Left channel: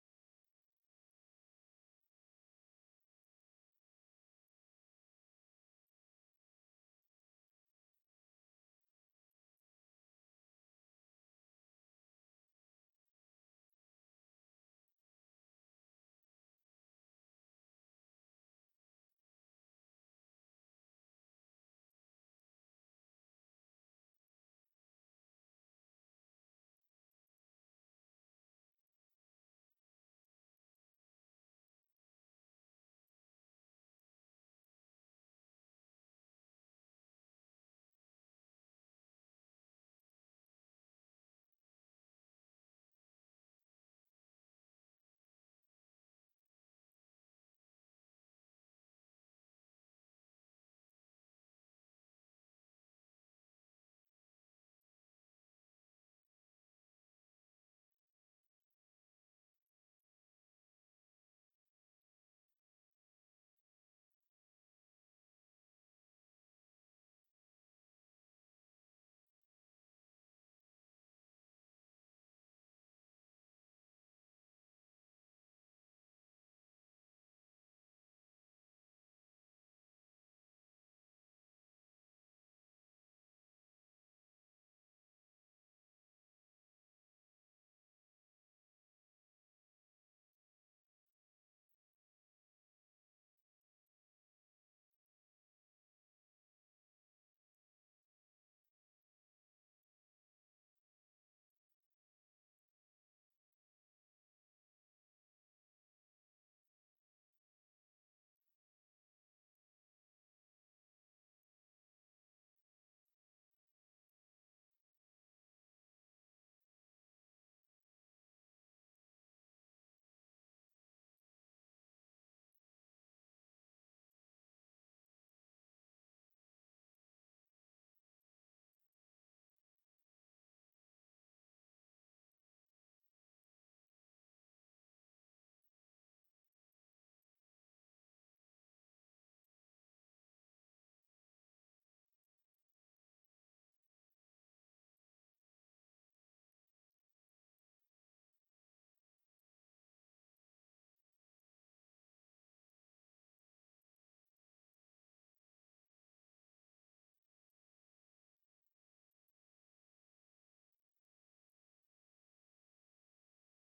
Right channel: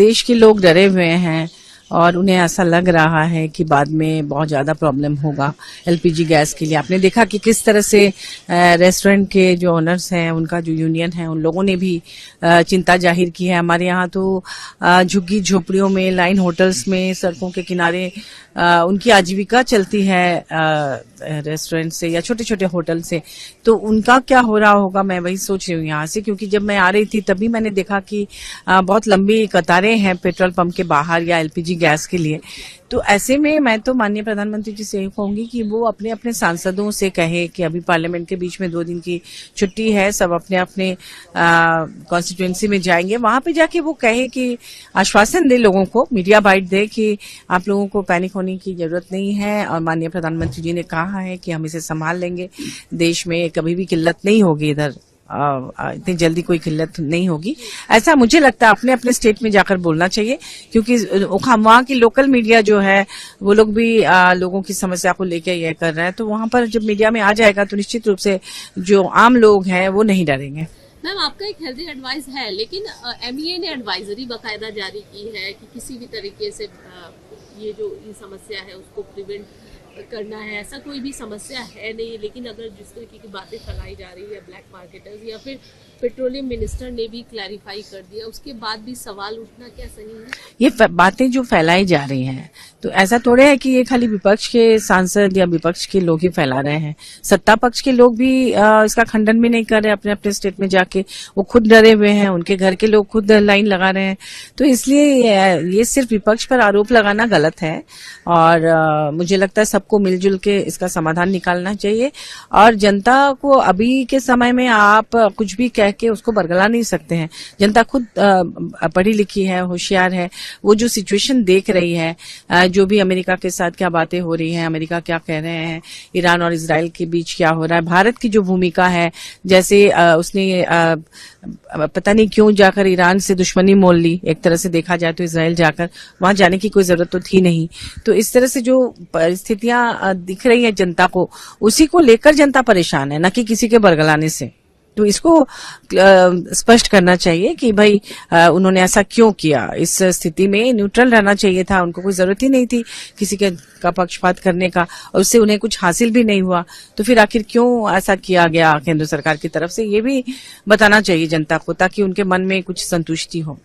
देश के लोग डरे हुए हैं और उन्हें ऐसा लग रहा है कि बाद में बहुत ज़्यादा प्रॉब्लम होगा एलपीजी गैस के लिए। आपने देखा कि किस तरह से रेस्टोरेंट के जो ओनर्स हैं, उनका जो यूनियन है, उन लोगों ने भी चिंता जाहिर की है। हमारे यहाँ तो झुग्गी झोपड़ियों में, लाइन होटल्स में, सड़कों के किनारे उनकी आजीविका चलती है रेस्टोरेंट से या छोटे छोटे होटल से। तो उनका क्या हो रहा होगा, मैं वही सोच रही हूँ यहाँ से, क्योंकि जब मैं आ रही थी तभी मैंने देखा कि बहुत लंबी कतारें हैं पेट्रोल पंप के बाहर या एलपीजी गैस के लिए। तो ऐसे में मैं तो माननीय प्रधानमंत्री जी से यही कहूंगी कि वो अपने अपने सांसदों से कहे कि अभी पार्लियामेंट के बीच में 2 दिन की छुट्टी है, सब अपने अपने कॉन्स्टिट्यूएंसी में जाएंगे, वहां पे जाके वो कहे कि आश्वासन दे लोगों को, मीडिया बाइट दे कि आप लोगों को पैनिक होने की जरूरत नहीं है और माननीय प्रधानमंत्री जी ने कहा है कि हम इसे संभाल लेंगे, देश में कभी भी किल्लत नहीं होगी, इधर इतनी जल्दी कोई किल्लत नहीं होगी। ऐसा मुझे लगता है अपने अपने स्टेट में जाकर बोलना चाहिए, क्योंकि वहाँ की लोकल मीडिया जो है वो लोग भी लोगों की समस्या को लेकर ये कर रहे हैं। तो वहां पर जब मीडिया में आ जाएगा तो निश्चित रूप से जो आम लोग हैं वो नहीं डरेंगे। मैम, आपका एक हेल्दी एडवाइस है, लेकिन एमईए ने एडवाइजरी बाकायदा जारी की है कि किसी भी तरीके से ये जो समस्या है उसको प्रिवेंट करना है। ऐसा कोई भी समस्या है नहीं, लेकिन अगर जिस तरीके की बातें फैलाई जा रही है ब्लैक मार्केटर्स, या फिर पेट्रोलियम मिनिस्टर ने भी क्लैरिफाई कर दिया, उसके बाद भी सवाल उठना क्या सही है? ये बातें जो फैलाई जा रही हैं, तो ऐसा थोड़े है कि ये खाली विपक्ष के सांसद या विपक्ष के लोग ही फैला रहे हैं। सत्ता पक्ष के लोग भी इसका खंडन भी नहीं कर रहे अपने अपने स्टेट में जाके। वो खुद डरे हुए हैं, उनके घर के लोग खुद लाइन लगा रहे हैं। तो इसलिए ये सिर्फ विपक्ष पर आरोप लगाना गलत है और मुझे लगता है सबको मिलजुल के इसका समाधान निकालना चाहिए। और जनता को अभी के समय में आप कुछ भी कह के उसको बरगला नहीं सकते हैं। जनता खुद पढ़ी लिखी है, होशियार है, वो जो सिचुएशन देख रही है, जो भी अमेरिका के साथ क्या बातें हो रही हैं, अमेरिका क्या कह रहे हैं, ईरान और इजराइल के बीच क्या हो रहा है, भारत की जो भूमिका है, जैसे उसने पता नहीं क्यों जाकर ईरान से दुश्मनी मोल ली। एक तरह से देखा जाए तो इजराइल जाकर वहां जाने की कोई जरूरत तो थी नहीं। तो इस तरह से जो परिस्थितियां दिख रही है जनता को, उसी को लेकर जनता परेशान है, न कि किसी के बरगलाने से। तो इसको स्पष्ट करना चाहिए कि भाई उन्होंने ऐसा क्यों किया। इस स्थिति में न्यूट्रल रहना चाहिए था, उनको कोई जरूरत ही नहीं थी किसी का पक्षपात करने का, और उससे उन्हें कुछ हासिल भी नहीं हुआ। तो फिर आखिर क्यों ऐसा किया गया केंद्र सरकार की तरफ से, ये भी बताना चाहिए जनता को, ताकि उनके मन में कुछ संतुष्टि हो।